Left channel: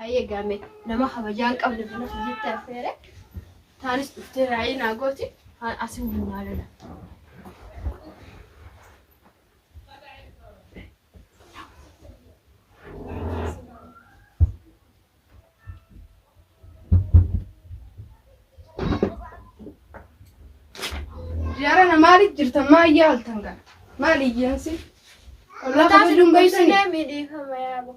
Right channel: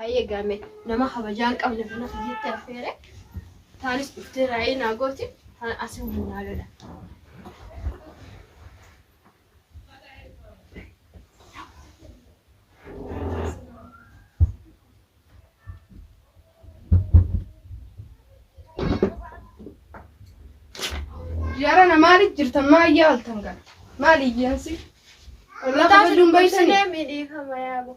هاي قامت لما خبجان قبل في نص جبت أفيرة ثالث افتراعي ناقوتي أسوي من هذا جارنا مالي جرت ما يال تنقل مالي جنسي والله خبجون بيتني ميدي فما يا أبو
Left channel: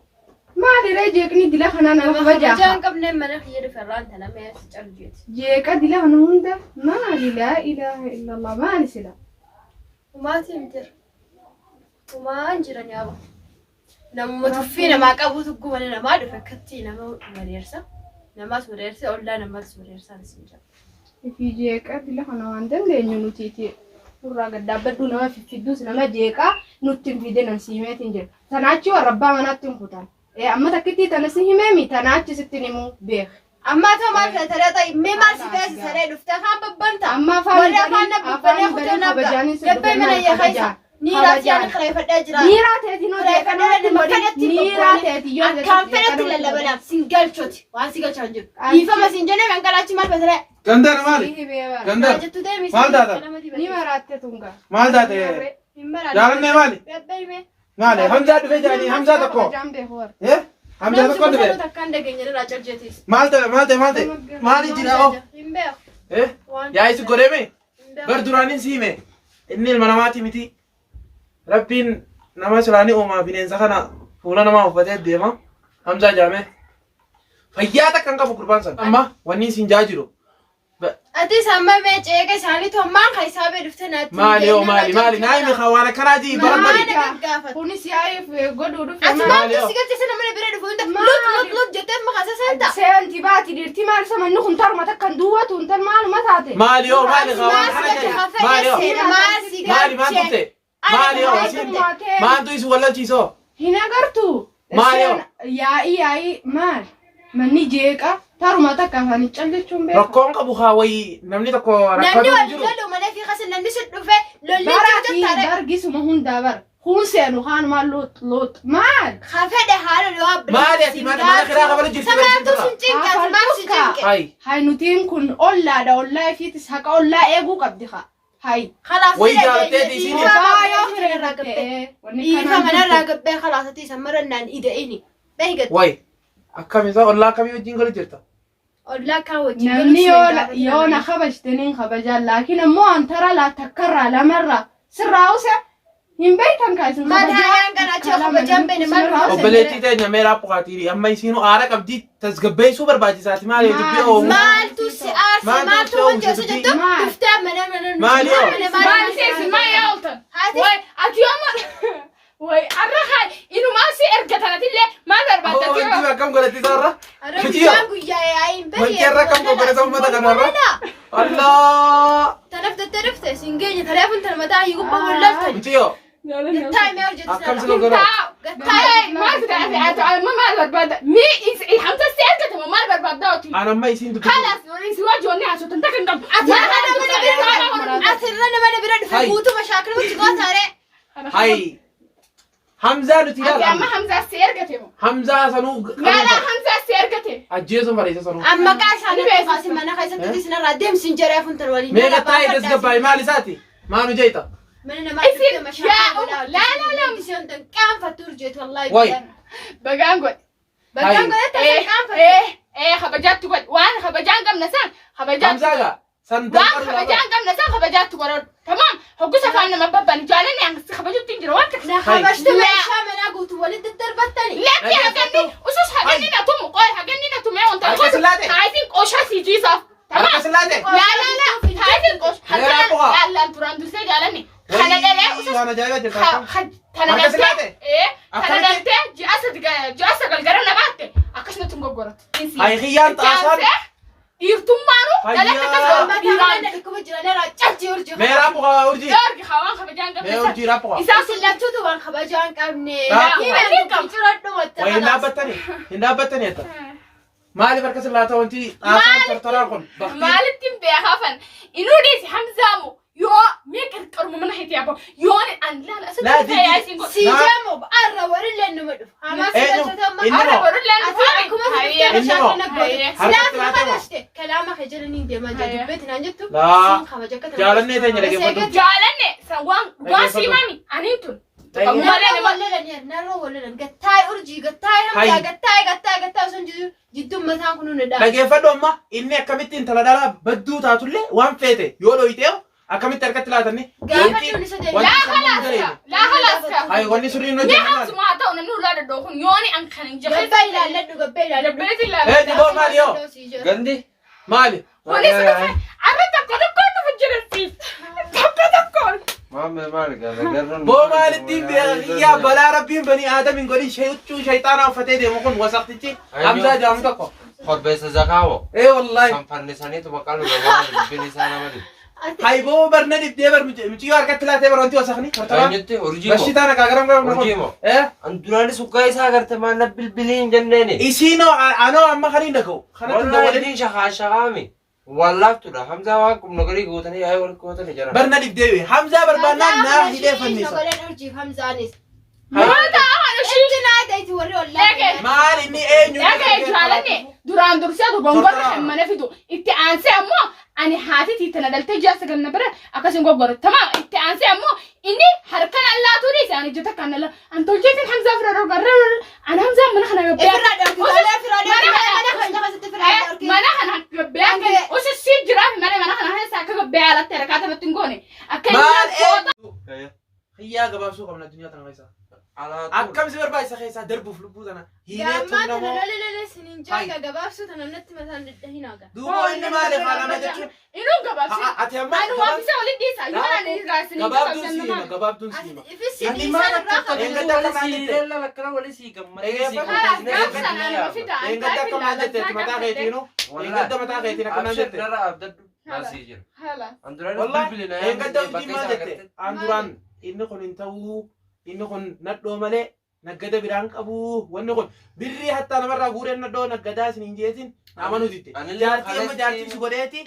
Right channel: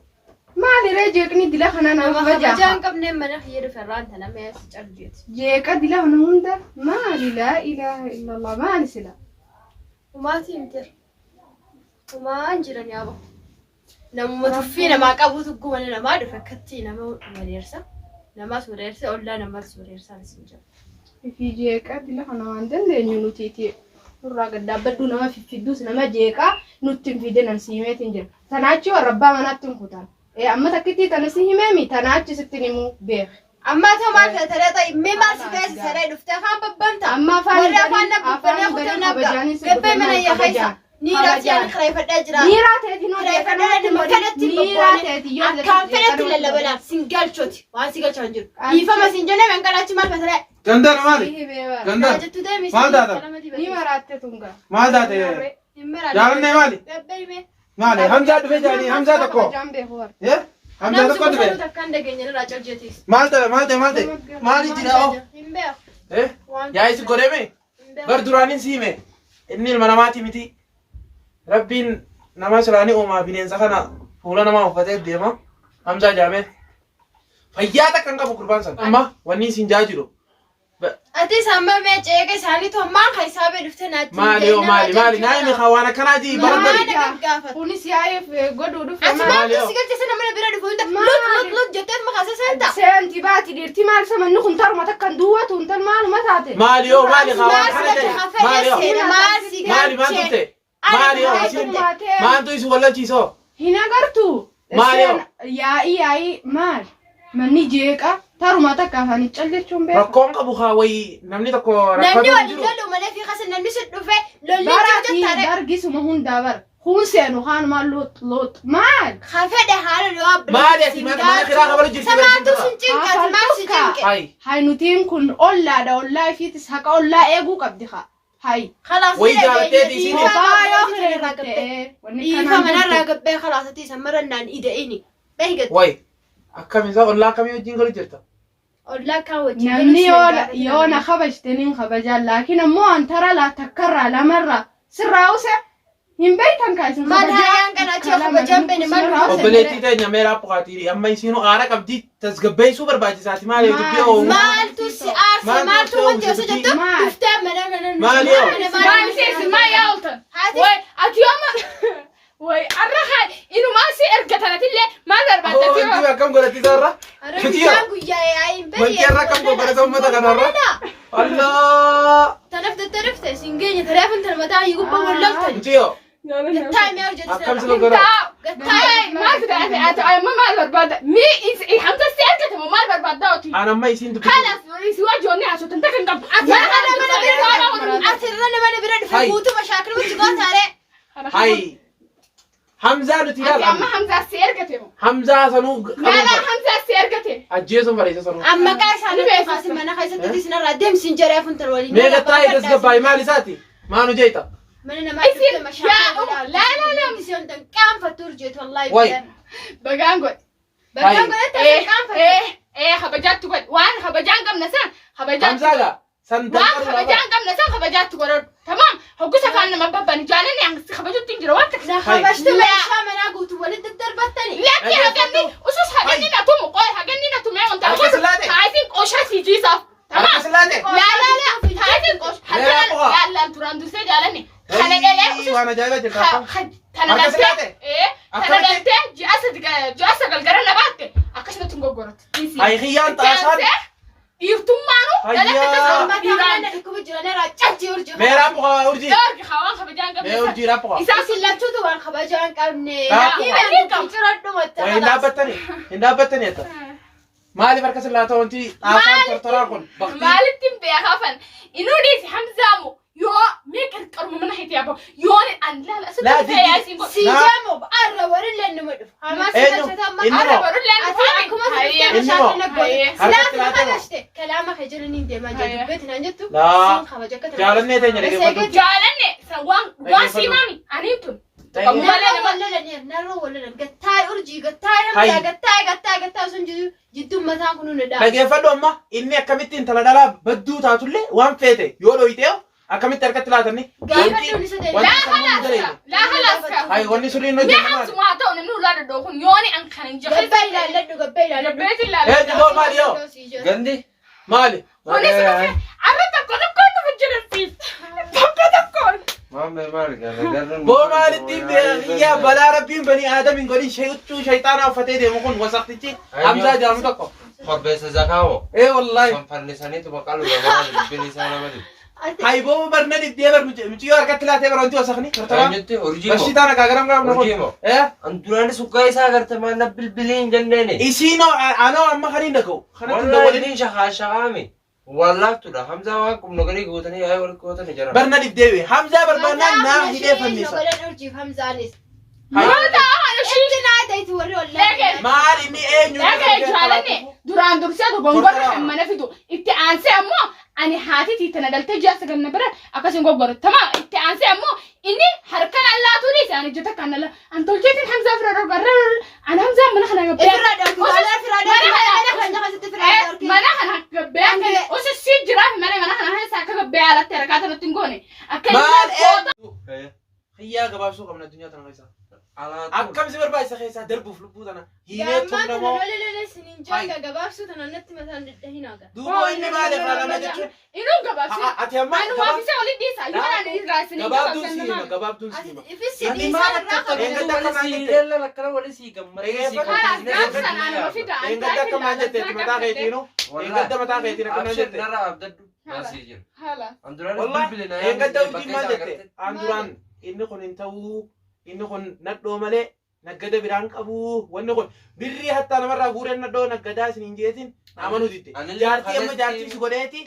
مالي رجعكني دلا خنانا خبجان قبل ما نخير فران تنا ما يسترجيت جيك دلا هنوندا مالي لا إله إلا الله مالي سلا وما تنتر وما أنجرني يا أبو نما توفينا ما قبض قومنا ما دفكتي نما مريرسا نما سوريرسا ولا نما سوريرسا نسنجا في جيكا دلا خنا عندن لينو نوتيتي نورا قدابدو نما في دوس نما جيكا نوتين في دنا نسيمه تنجر تناچي وربا مناتن كوتان أما تكتي تنسيه مامي تناچي ستنيمو بيخ أما تو ما ترى طيب ما سكاس سري نفتخان ببنتا أما ولا فانا ببنا خدنا قبل من هي خيسة نيرات يعني خريفة أجرا نيرات هذه نور نيرات هذه كم فرت ولا بلا سنجال شوتي واسيجال شانجر يفهم سنجنا من كلاتي مال بسرعة كندر مالي كندر مال دادا نيرات تونغا مال دادا يارني مالي مالي همزة دفجاني همزة تكو إيه همزة تكو دفج مالي جناو إيه يا إيش قريبي بردورانين سيمه إني المنامات متي ربين نماش راني أوما بينين سخنا فولا نما وفتح ديما همزة جامع فياتك كنكا بقربان سن أما وني سنجاجرو أتي سامع ميجي كي سالي تو ما خيسابه دفتنا مالي نايمي خوانا كنادي بربري بونيس يايف غدو دو أسمع تسيقل تسنا من بيرد فوتا لط جتت ما خاسس أنت سنتي باتي ديرتي مال سمن نخن تر ما تكن دوات ونتر مال ما تاتي مالي خوانا مالي ما تبتي مالي ما أنتو يسو ولا تيسو هنا قرتو ياي مال مني جيكا تارو ما تكافني تشليتشون بيه ركون كبوخا وي نمني تكو نمني ولا ما في خاص نمني سدفه لولي تاري درجي سمهون دابر خونسينو خان مال لوط مال خافه حال الواب مالي ما خيرا قبل جيت هاي نوتين كن أولا دا أولا في تسحق أولا إيجو كبديها هاي خلاص وي جارتي دي سيني يفهم أنا راقب خلاص تيسمرنا إيديني بهجت وي أكمل إذا أولا كم يوجين قلت جرتا أولا كاوجي نمني يونا خبجتنين خبجال لكن مو أن ترى لا تكرر لا مرة سراوسة هم بيتهم كاسين ما هاي أنا أشوف خبجان بين مرة وبلتي تاني ميرا بقاتيري أما يسينو آرا كبدي تسقبي سوبر باجي ساتي مالي تبي أو مالتو سعر مالتو وانت سجدت تفتح من مالي ما يالطن وي أتيوم وي أرخي إنه ما سير قتلت اللي ما ضربت أنت ما كم قلتي زارة أرخي يا عين ما كيرا كم قلتي سوما تكنارا الله ترفت سنجيني ترى أنت المتاع يقول بقول لفت أنتيو التايم يا وجد أكمل سنو قرا التايم ما تدعي ما برباد مي إيه حمزة سير قتل ما برباد دوتي أنا ما يسين تبي خلاص يسوى جوني عشان تنتقل قبل أثرنا ما نبرد في بوتو مشاكل وتجوا ترى هاي حمزة نتيجة أما حمزة سير قتل حمزة سنو لا حمزة سير قتل أجيزو مريض سنو أما كاش أنا قاسم أنا خايسة تديسنا رادم سنجرة فنت الولي ميجا تاي دس قبائي مالي ساتي ما نجيتا من ما تفهم مشاكل لا مسيون كم فاتور جيت والله واي بقانقول إيه خبجات تقول وأنا خبجان قم نسان خبجات حمزة سن وأنا خبجان قم نسان خبجات تقول تمام حقوسة كان ما ببني جالني يعني خبجات تنجر وقتك لا خبجت ما شام أنا قلت ولد الدرب الثاني لا يا هجني وشوش هجني نتوم قال هجني نتوم يا وانت عايزين قوشة سيجي صف تمام لا عايزين قوش لا تراندو سيد علني خلنا وانا جايبه تنادلت تنادلت جاسد القرن باتك أكشنا تنقورت هاي خيان تاسان يرتمانو لا تكسر ما كان نحكم جوانا رجعت يرجع ميرا بقى أرجي يرجع خوان خبجان قبل أرجي رابقة إساس اللي تودو وان خبجان قبني كم وين بتني أنت مالي مركز الله تونتي آسان ترتراكون مالي تنبي خافن إنه ديس حمزامو يو ميكر كرم من ناحية أبو يون أن لا دي سيجامو بأرة ورلا نمدف أما سيجامو أرة ورلا نفهم إني ما حركت لا تما كلامك يجرني دي ما جاب بيت نانجتو لا جالني تاني لكن جالني وان سيمامي أنيتون لكن فلو أما إني أكملتين تلا دلا بدو تاتولي وان فيته يولو يتيو أكملت تركت لا تاني لا خلاص هاي غني سورين ليه هم سمعتوا إنه لا تدوخون يوني أنكرين جبت إيه دي دو مالي يو قندي مالي وني سمعت عرفتك كل في الجنة تكون مامي مالك أنا بو مال الدين يا بلا ربي بني آدم من قولي شيطان أو فتاة مخون وسقتي أمزا جامتكو خبز زكاوة إيه والله سامفرني سنيت وبقالو جمال بني سنة مدري هاي بو برنا دي بر متيو أركت لا تبر أنتي وسخني أنتي أورجيمو بس أنا كأجرام كلام أورجيمو إيه أنتوني سكاي ساعرت ما نبل بلين جنني إيشينو أنا أما خلينا نكو والله لين شخامي والله ترى حمزة واكم نقولي قوتني هاي ولا قوتني جرا برنا دي حمزة برنا نا هيدا فنيسا maal inni eenyu jaalane duraan dursee gongora hammana fidu itti aansee ammoo ani haatitii tana daltee jaarsa ganna bira akkasin goggore tama itti aansee ammoo inni harkan allaatuuni isaan ijjata kan alla antolcheetiin hamzaa fira rogarra an hamzaa mana kana gabbee mana kana gabbee usi si jiraaf mana kana hesa akka gabbee alatti harakaata natti ngoone akka maal khiyyaa gabaabsuu qabna addunyaa tana keessa akkam si barbaachisa keessa darbuuf lubbuu tana hiineetuun namoo duuba inni maali faalama jechuun inuu gabaabsi ati amma anu waafisa olii dhiisa yimana raasini gabaabduun siima inni maal akka eengadda akkamaa jette لا لا كلام ولا سي كم eengadda akkamaa jetteetti mataa keetiinu eengadda mataa keetiin akkanaa jette نرى أبدأ ناسيجن haala أندران والله بلبلنا eengadda hojii maal jette anduraan inni kun hin ta'uu inni kun nadhoo malee naggada biraan qabu wanni kun birrii hattaa namarraa guureen nadhoo naggadaa isin hin jeetin amanuu ditte jaartii amma jaartii si godheeti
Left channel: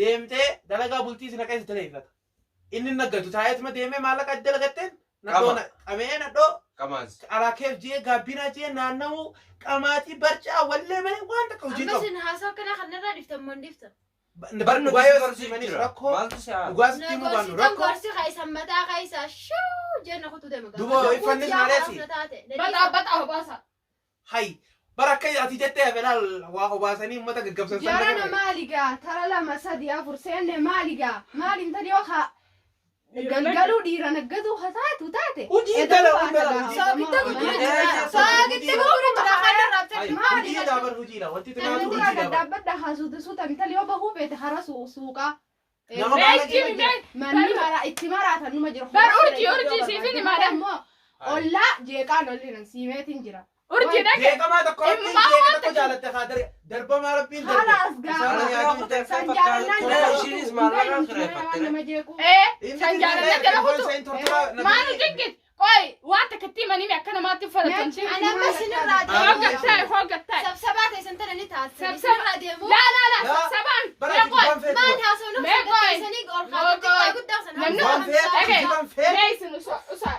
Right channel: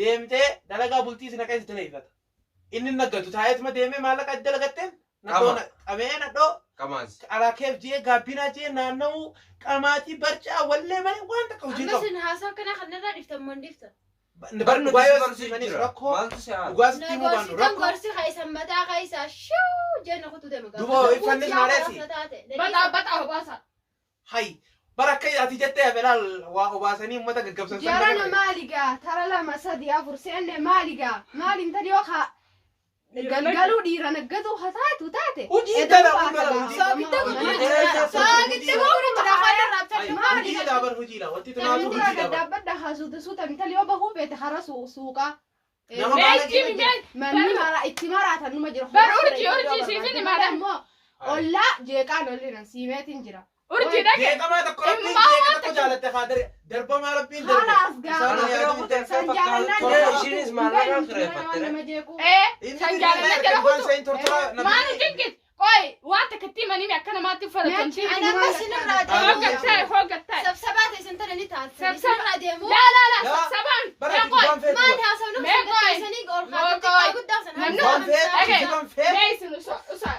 deemtee dalagaa bultii isin akka isa taleeffata inni naggatu taa'eetuma deemee maallaqa adda lagatteen nadhoo qabee nadhoo كماز alaakeef jee gaabbinaa jee naanna'uu qamaatii barcaa wallee malee waan takka hojii qabu barnu baay'oo siimaniif rakkoo dhugaasitti immoo baannu rakkoo duuba ifannis maaleesi bata hobaasa hay barakka ati jettee afelaal waa obaasanii uummata gaggabsan Jarana maaliga tara lama sadi afur seenne maaliga maalin tadi oka galgaluu dhiira naggatu hataatu taate hojii dala hojii daabar hojiidha wanti tumaatu hojii daabar dhaabbadha haasuutu suuta intali yoo bahuu beete hara suuqa nama maala manni mara itti maraatan numa jiru bar urjii siifini maadam immoo ollaa jeeqaan ollinan siimeetiin jira urjii dhaqe jeeqamaa tokko rabbiin jeeqa tokko jaalatte kaadare darbamaa rabbiin darbe halaas gaafa san jaalannaan maanu jiggis qoy waan takkattii manimi akka namaatti uffatan hoggattae sabsabaan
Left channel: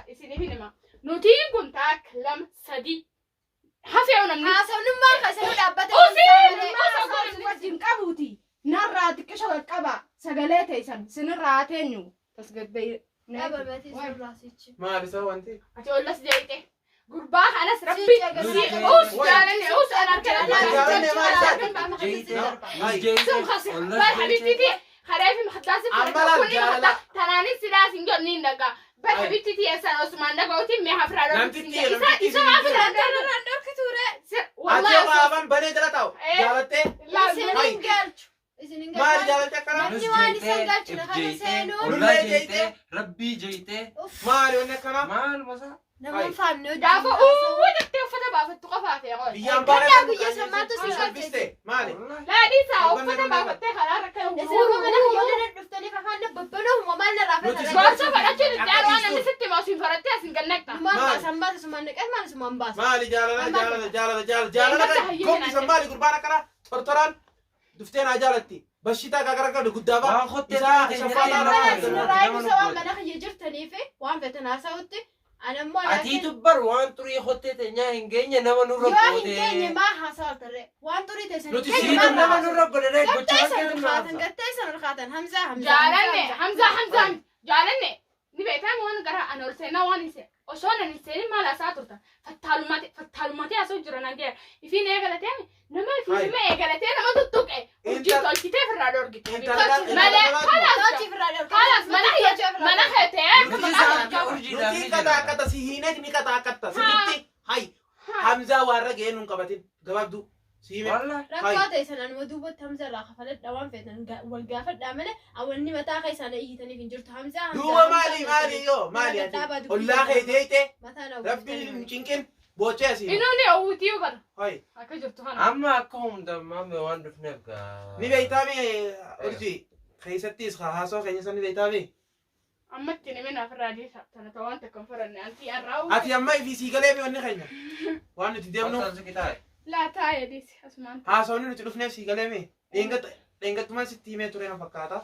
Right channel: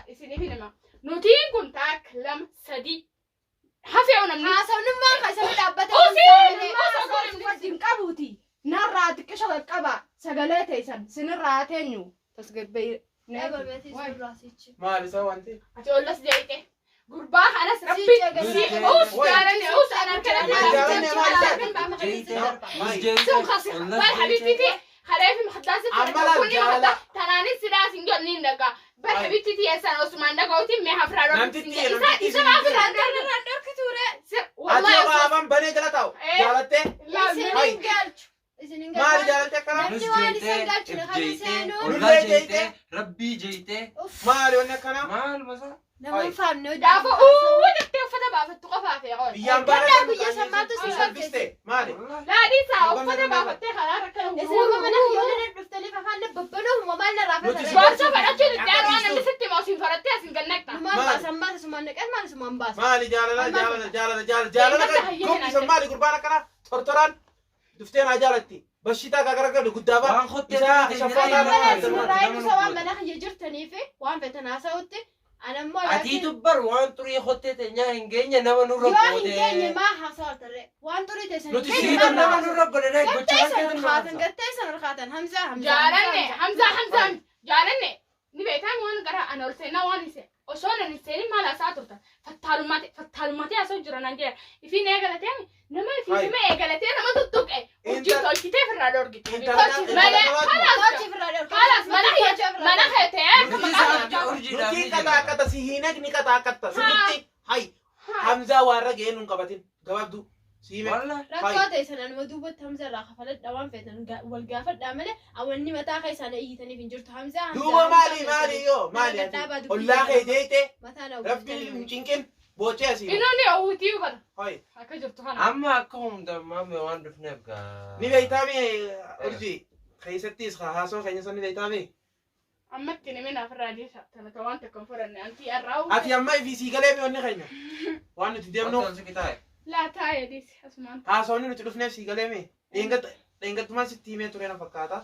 isinima nutiin kun taak lama sadi hafeewu namni wajjin qabuuti narraa xiqqisho qaqqaba sagalee teessan sinirraa teenyu tasgabbee maal isa wanti ati ollas jeete gurbaa kanas rabbi us jaalane us anarkadhabibtiti hareefi maxdaasi kunni maxda tanaanis sidaas hin jonniin dhaga bal habibtiti yesan osmaan dhagauti mee hafraa isa maafiraan dhorkiture ati qaaman banee jala taa'u jaalattee maal jaalatte akkana ربي جيته maali wanni akkana مال مسا gaafa jettee uffata baafattu qofaate qoy biyyaan baala salphiste maali laadhiisaa uffata baafattee karaa rakkana gorsa fadhachuun iddaan waan namni sitti maasiin farattee asin gannaqxa maali jaalala gombisa maali gurbaan akkana tortoraan duftee naa jaalatti bashitaa gagaragadu guddaa bara waan khottee waan fedhan haasa'utti Ana immoo Ati dubbar waan xurii hottee teenyaa hin geenye nama nurra yoo hin godhe. geenye maa haasaa tarree waan xurii teessan Nuti siidan nama nurra godhe gochaa keetin gattee san olkaatan Hamzaa Hamzaan jaalanne ni beektaan waan gara ana ol seenaa waan ise osoo nan seenin maal haasaa turtan fattaalummaatee haasoo jiran hangee ifiin eegalatee nama ifiin nama eegalatee nama tuttuqe hojii tolchitee firraa dorgite mana heetee Nuti kata si hinek ni kata sitti hay Hamza warra ga'ee nun qabatin gabaabdu si hime rakkoo teessan anuma duubatti Hamzaa irraa kafaladha waan feetan wal gaafadhaa malee awwanni mataa keessaan hiitaniif hin jirtu Hamzaa duuba maali yoo maali ollaa kee deeyte rabbi cinqin boocee asii Inoni owutii uffata. hay Akka jirtu kana. Amma akka humdammaame waan dhufneef gaa. ni beeytaami urjii keessattis haasoo keenya san ni beeytaami Ammatti namni naaf irraa deesa. Tana ta'uu waan takka hin furanne. Anti arraa ati amma ifii sii galee mi wanni keenya waan nuti deemnu Wanta si kitaa'e. laa taa'ee deesi asumaan. haasawni nuti dhufneef sii galee mi dheengattumaan sitti himee ture na fakkaata